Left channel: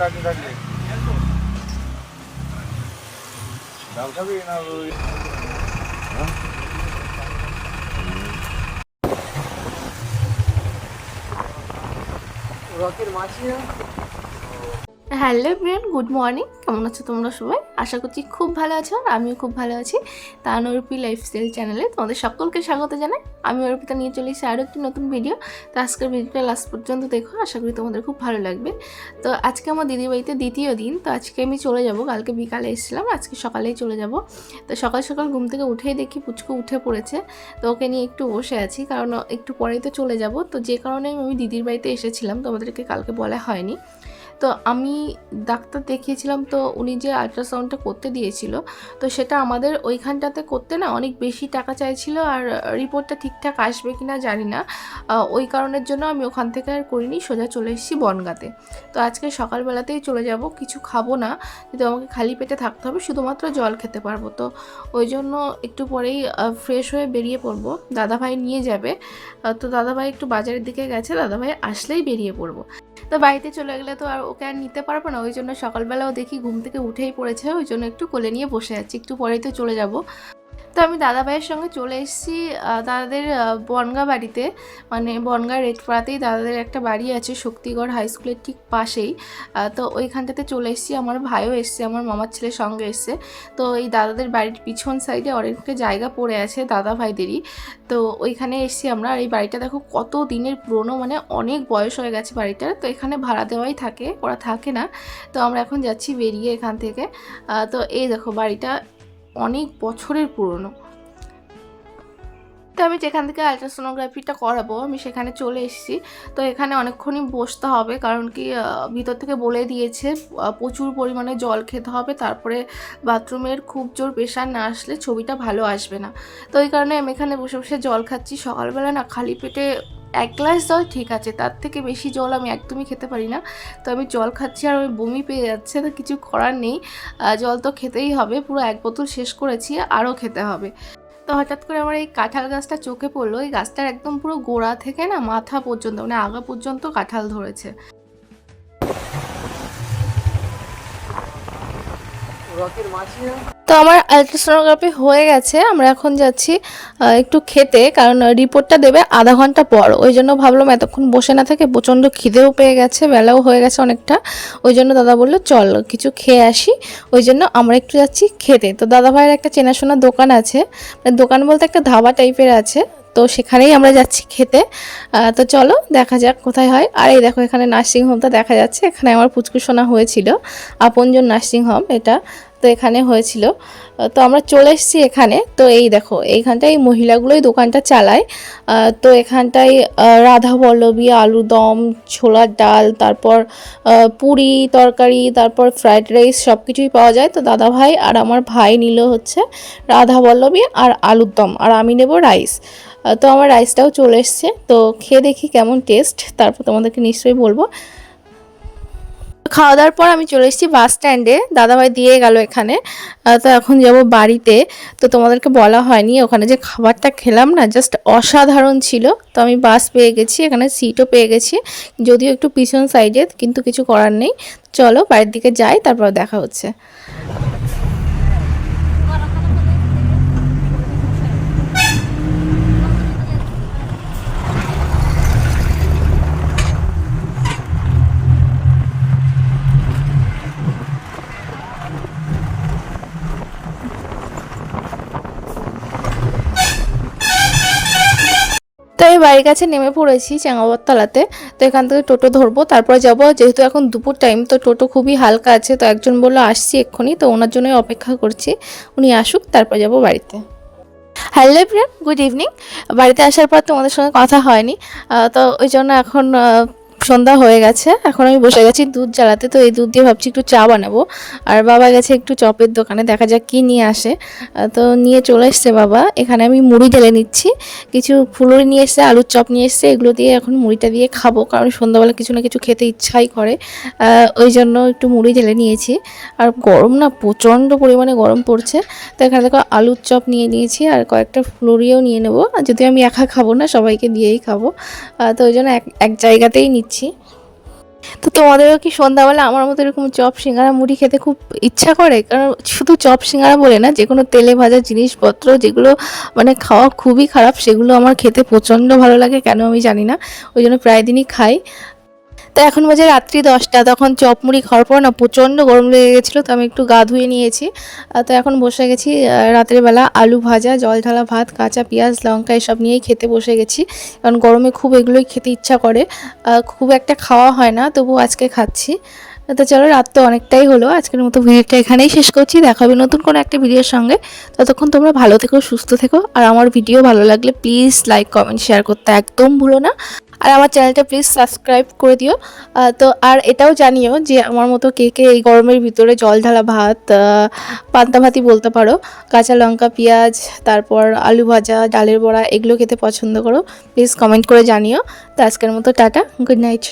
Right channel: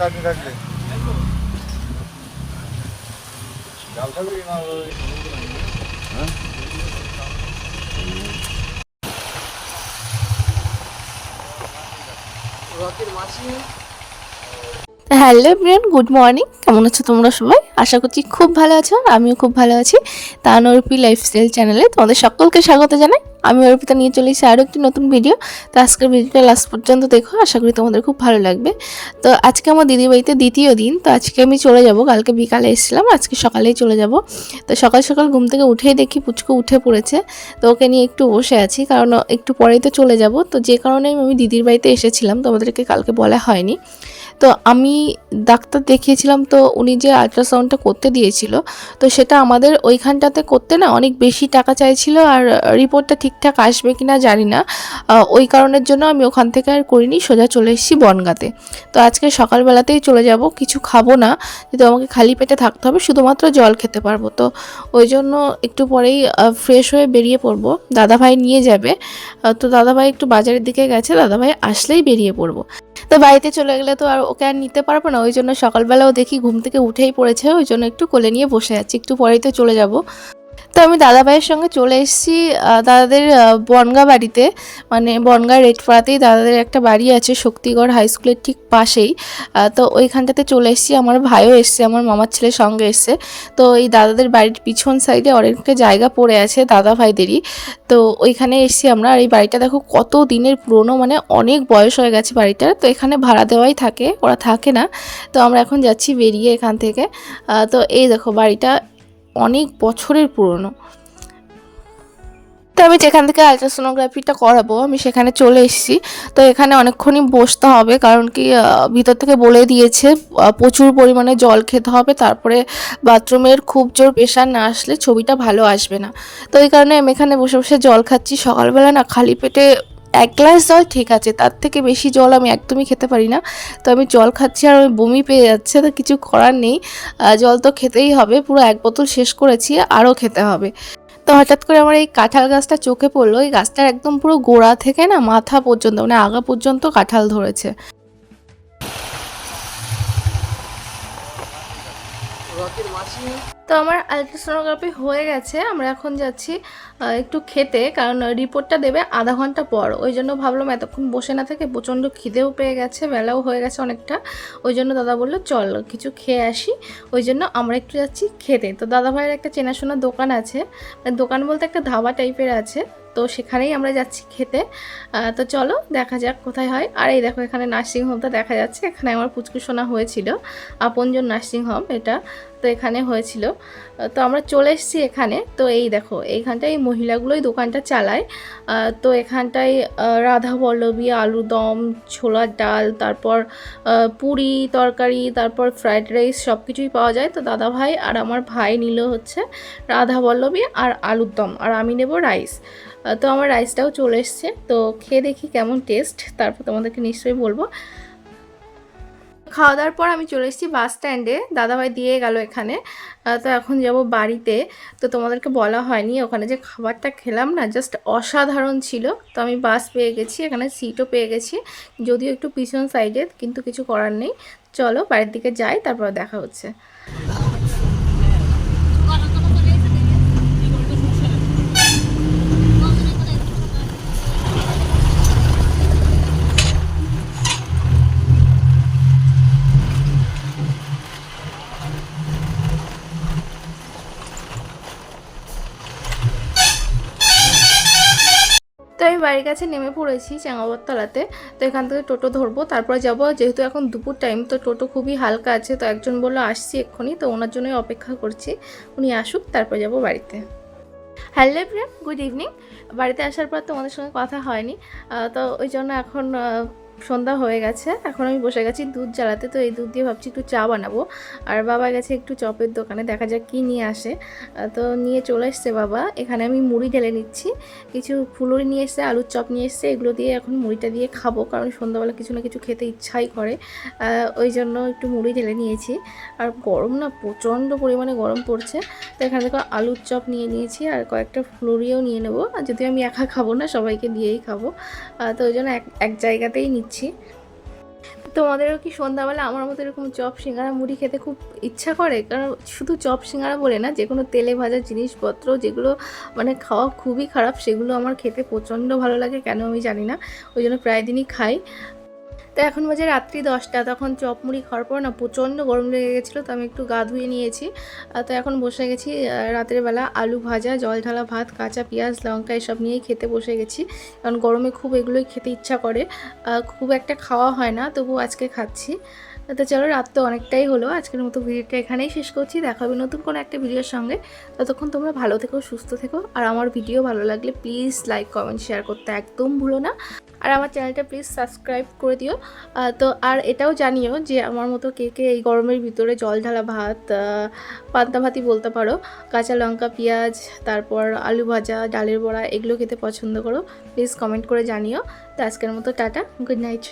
চাটনি থাকবে ডাল খাবি না ওই- হ্যালো ব্রিয়ান গুড মর্নিং। কেমন আছো তোমরা সবাই? আশা করছি খুব ভালো আছো, আমিও খুব ভালো আছি। তান অর্পি লাইফস্টাইল চ্যানেলে তোমাদের সকলকে স্বাগত জানাই। আমি অর্পিতা নিয়ে চলে এসেছি আরও একটি নতুন ভিডিও তো আজকের ভিডিওটা লাস্ট পর্যন্ত দেখো, আশা করি তোমাদের খুব ভালো লাগবে। তো আজকে আমার দিদি বাড়িতে দ্বিতীয় দিন, তো আজকে আমি চলে যাব। কালকে বিকালে এসেছিলাম, আজকে সকালেই চলে যাব। তো সকাল সকাল ঘুম থেকে উঠেই দেখি পুচকু উঠে পড়েছে। তো ওকে নিয়ে একটু বসে আছি, কারণ একটু পরেই তো চলে যাব। তো যে কারণে আমি দিদির বাড়িতে এসেছিলাম, তোমাদেরকে কালকে বলা হয়নি। তো আমি ডাক্তার দেখিয়েছিলাম তো উনি যে আল্ট্রাসাউন্ডটা করতে দিয়েছিল, তো সেটা আমাদের ওইখানটাতে করতে না অনেক বেশি টাকা চাইছিল আর রিপোর্টটা ঠিকঠাক আসবে কি না জানি না। ওই কারণের জন্য আমি ওখান থেকে আর করিনি, সোজা চলে এসেছি বনগাতে। তো আজকে সকালবেলাতেই চলে যাব, কিছু খাব না কিন্তু আমাকে খালি পেটে থাকতে হবে, শুধুমাত্র জল খেতে পারব। তো ওই জন্য একটু পরেই ফ্রেশ হয়ে বেরিয়ে পড়ব। দাদাভাই নিয়ে যাবে তো দাদাভাই একটু বাজারের দিকে গেছে, দাদাভাই আসলেই বেরিয়ে পড়ব। তো বাড়িতে চলে গেলে তো আর ওকে আর নিতে পারব না, ওই জন্য সকালবেলাও দেখি ঘুম থেকে উঠেই পড়েছে, ওই জন্য একটু কোলে নিয়ে বসে আছি, একটু পরেই তো চলে যাব। তো আমি দাদা ভাইয়ের সঙ্গে চলে এসেছি দাদাদের বনগা বাড়িতে। মানে বনগা রেটপাড়াতেই দাদাদের একটা বাড়ি আছে, শক্তিগড় হাই স্কুলের ঠিক পাশেই। তো ওইখানটাতে চলে এসেছি। আমার ভাইও এসছে, আমার মামার ছেলের সঙ্গে এসছে। তো এই দাদাদের বাড়ির পিছন সাইডে অনেকটা জায়গা পড়ে আছে দাদা ভাইদেরই তো ওইখানে এসেছি আমরা। আর এই বাড়িটা দেখো কত দিনের পুরনো মানে অনেক বয়স হয়ে গেছে বাড়িটার তো এখানে ভাড়া দেওয়াই থাকে, ওরা থাকে না। তো আমরা এখন যাচ্ছি বেরিয়ে এখান থেকে। তো এই দেখো বাড়িটা অনেক বছরের পুরনো। তো আমি যেখান থেকে আলট্রাসোনোগ্রাফিটা করাবো, আমি সেখানে চলে এসেছি। তো এখানে অনেকক্ষণই বসতে হবে, কারণ কি ভিতর থেকে বলে দিয়েছে প্রচুর পরিমাণে জল খেতে হবে, তারপরে বাথরুমের খুব জোর প্রেশার না আসলে ছবিটা ভালো আসবে না। তো এই কারণে আমি এখানে বসে বসে জল খাচ্ছি। সকালবেলা না খালি পেটে এক গ্লাস জল, ঠিক আছে, তার থেকে বেশি জল আমি একদমই খেতে পারি না। তো আমি জল খাচ্ছি আর আমি বমি পেয়ে যাচ্ছে, তো কিছু করার নেই। জল তো খেতেই হবে, পুরো এক বোতল শেষ করেছি, আরও খেতে হবে। তো হঠাৎ করে আমার এই কাঁঠাল গাছটা চোখে পড়ল, এই গাছটার একদম পুরো গোড়া থেকে না মাথা পর্যন্ত মানে আগা পর্যন্ত কাঁঠাল ধরেছে। তো আমার আলট্রাসোনোগ্রাফি হয়ে গেছে, আমরা এখন যাচ্ছি একটু খেতে, কারণ রিপোর্টটা দেবে আধা ঘণ্টা পর। ওই জন্য ভাবলাম এতক্ষণ বসে না থাকে প্রচণ্ড খিদেও পেয়ে গেছে, বেলাও হয়ে গেছে অনেকটা। ওই জন্য দাদা বলল, চল, কিছু খেয়ে আসি। ওই জন্য আমরা একটু যাচ্ছি খেতে। তো দাদা ভাইয়ের একটা চেনাশোনা দোকান আছে মানে দোকান বলতে একটা ধাবা টাইপের আছে, তো সেখানেই আমরা যাচ্ছি খেতে। তো চলো, দেখা যাক কোথায় হয়। আর এই দেখো, এখানে নার্সিং হোমটা দেখা যাচ্ছে। এখানে আমার পুচকুসোনা হয়েছিল। আপনজন নার্সিং হোম এটা। তো এখানে হয়েছিল। তো আমরা চলে এসেছি এখানে। তো এই দেখো, এইখানটায় এই মহিলাগুলোই দোকানটা চালায়। তো এখানটায় রাধা বল্লভী আলু দম ছোলার ডাল, তারপর পুরি তরকারি, তারপর ফ্রাইড রাইস সব কিছুই পাওয়া যায়। তো দাদা ভাই আর আমার ভাই নিল হচ্ছে রাধা বল্লভী আর আলুর দম আর আমি নেব রাইস। তো আমার রাইসটাও চলে এসছে। তো খেয়ে দেখি কেমন টেস্ট, তারপর তোমাদেরকে নিশ্চয়ই বলব। খাওয়া দাওয়ার পর আমি চলে এসেছি বাস স্ট্যান্ডে। দাদাভাই দিয়ে গেল এখানে। তো এখন যাব বাড়িতে। তো তোমাদেরকে বলা হয়নি, ওখানে যে খাবারটা খেলাম না জাস্ট অসাধারণ ছিল। তো আমি বাস পেয়ে গেছি, এখানে সিটও পেয়ে গেছি। যদিও একটু পিছন সাইডে কিন্তু কিছু করার নেই। চলো, বাড়ির দিকে যাই, তারপর দেখা হচ্ছে। তো আমি বাড়ির কাছে নেমে পড়েছি চেঙ্গাবরতলাতে তো এখান থেকে টোটো ধরবো, তারপরে যাব। যেহেতু এখন দুপুর টাইম তো টোটো খুবই হালকা আছে, তো একজন বলল, আসছি এক্ষুনি। তো ওনার জন্যই অপেক্ষা করছি। উনি আসুক, তারপর যাব বাড়িতে। হ্যালো ফ্রেন্ড গুড ইভিনিং বাড়িতে আসার পর তোমাদের সঙ্গে কথা হয়নি। তো ওই জন্য এখন সন্ধ্যা হয়ে গেছে, এখন আমি বসে গেছি দুধ জ্বালাতে, তো এই দুধ দিয়ে ভাবছি একটু চা বানাবো। আর বাবা গেছে একটু চপের দোকানে, দেখা যাক কি নিয়ে আসে। তো নিয়ে চলে এসছে বাবা, এখানে আমি মুড়ি ঢেলে নিচ্ছি। কিছু ফুলুরি নিয়ে এসছে, আলুর চপ নিয়ে এসছে, এগুলো দিয়ে এখন মুড়িটা দিয়ে খাব, কারণ সন্ধ্যাবেলা কিছু না কিছু খেতে ইচ্ছাই করে। ওই জন্য একটু মুড়ি ঢেলে নিয়েছি। আর গরম না, প্রচণ্ড পরিমাণে গরম পড়ছে। তো এখানে দেখো আলুর চপ নিয়ে নিয়েছি, আর কয়েকটা ফুলুরিও নিয়ে নেব। আর যদি আমি একা খাব না, সবাইকে দিয়েই খাব। তো ওই জন্য এক এক জায়গাতেই নিচ্ছি। তো তোমাদেরও কি সন্ধ্যাবেলা আমার মতো এরকম চপ সিঙ্গারা মুড়ি খেতে খুব ইচ্ছা করে? কারণ শুধু চপ সিঙ্গারা বলে না যে কোনো তেলে ভাজা জিনিসপত্র যেগুলো মানে খাওয়া খুবই খারাপ, সেগুলো আমার খেতে প্রচণ্ড ভালো লাগে, কেন আমি জানি না। ওই জন্য প্রায় দিনই খাই। তো এখন বাজে রাত্রি দশটা তখন চপ মুড়ি খাওয়ার পর না প্রচণ্ড গরম লেগে গেছিল তো আমি একটু গা ধুয়ে নিয়েছি। তো এখন বসে গেছি আহ, বেলা আলু ভাজা জল ঢালা ভাত কাঁচা পেঁয়াজ লঙ্কা এসব নিয়েই খেতে বসে গেছি। কারণ গরমে খুব এগুলোই খেতে ইচ্ছা করে। খুব একটা খাওয়া হয় না তবু আজকে খাচ্ছি। তো চলো রাত তো অনেকটাই হলো আজকের মতো ভিডিওটা এখানেই শেষ করছি দেখা হবে নতুন কোনো একটা ভিডিওর সঙ্গে। ততক্ষণ তোমরা ভালো থেকো সুস্থ থেকো আর আমার ভিডিও ভালো লাগলে প্লিজ লাইক কমেন্ট শেয়ার করতে একদম ভুলো না। আর আমার চ্যানেলটা প্লিজ সাবস্ক্রাইব করে দিও। তো আর এটাও জানিও যে আমার মতো কে কে এই গরমের ভিতরে জল ঢালা ভাত পান্তা ভাতই বলতে পারো। কাঁচা লঙ্কা, পেঁয়াজ, তারপর আলু ভাজা, ডালের বড়া, এগুলো খেতে পছন্দ করো। প্লিজ কমেন্ট করে জানিও। তো আজকের মতো টাটা গুড নাইট